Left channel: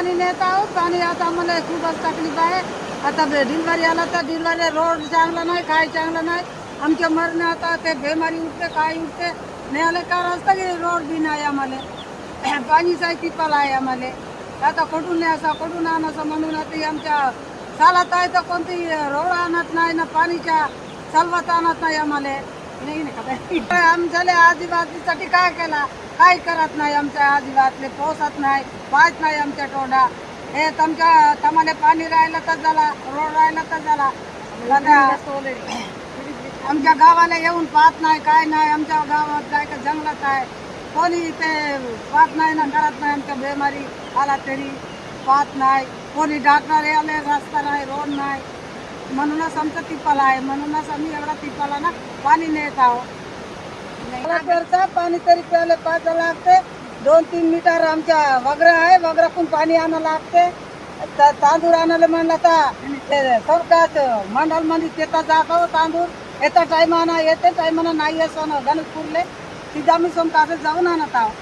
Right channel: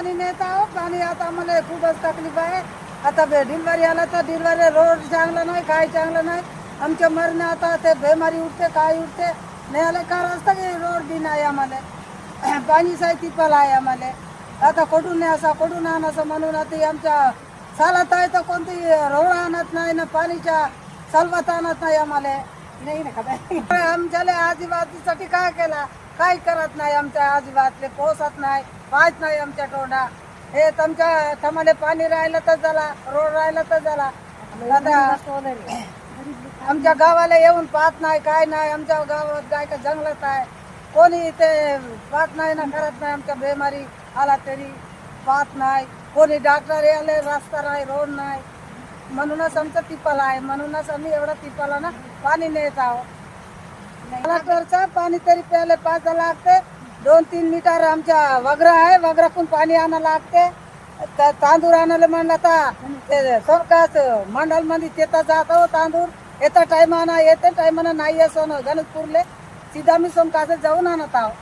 पाणी नेत आहोत. पाणी आता आम्हाला खूपच तकलीफ आहे. आता डिलिव्हरी आला तर डिलिव्हरी रोड चांगला नाही, काय चांगलं नाही. आमच्या मरण आता ते बेमारी उठते, काय उठते न्यायला का रस्ता की रोड बी नाही आम्हाला. पाणीचा तिपाला आहे आम्हाला. आता कुठून न्यायचा कुठून आणायचं म्हणून आता आमच्या चालत आहे तर कोणती रोड आणत नाही ना पाणीच्या चालवत आणत नाही आम्हाला. नाही ना आमच्याला आदिवासीसाठी काय केला, काही करत नाही. आमच्या आदिवासीले पोसत नाही, पाहत नाही आमच्या तोंडा. हे तुमच्या तुम्हाला पाणी राहिलं तर झाला, रोड राहिलं तर झाला. आता आमच्या गावाला येऊन पाहत नाही, काय नाही. आमच्या गावात काय का जंगलात आहे, कोणी ते पाहत नाही ना करत नाही. आमच्या बेमारी आला तरी पाहत नाही कोणी. डॉक्टर आले रस्ता नाही, रोड नाही. म्हणूनच आमचं तिपाला आहे. म्हणूनच आम्ही एवढा तिपाला ना पाणी नेत आहोत. पाणी तरी प्यायला पाच लागते. 2-3 मीटर आमच्या वगरा आहे, वगरातून पाणी आणायला लागते. तांदूळ आणायला म्हणलं तर सरकार मंडळ मध्ये तिथं जातो तांदूळ. येत्या टायमानं येते, टायमानं नाही असो ना गणेशपूरले सीधा मी सोमकासे जाऊन आणत आहोत.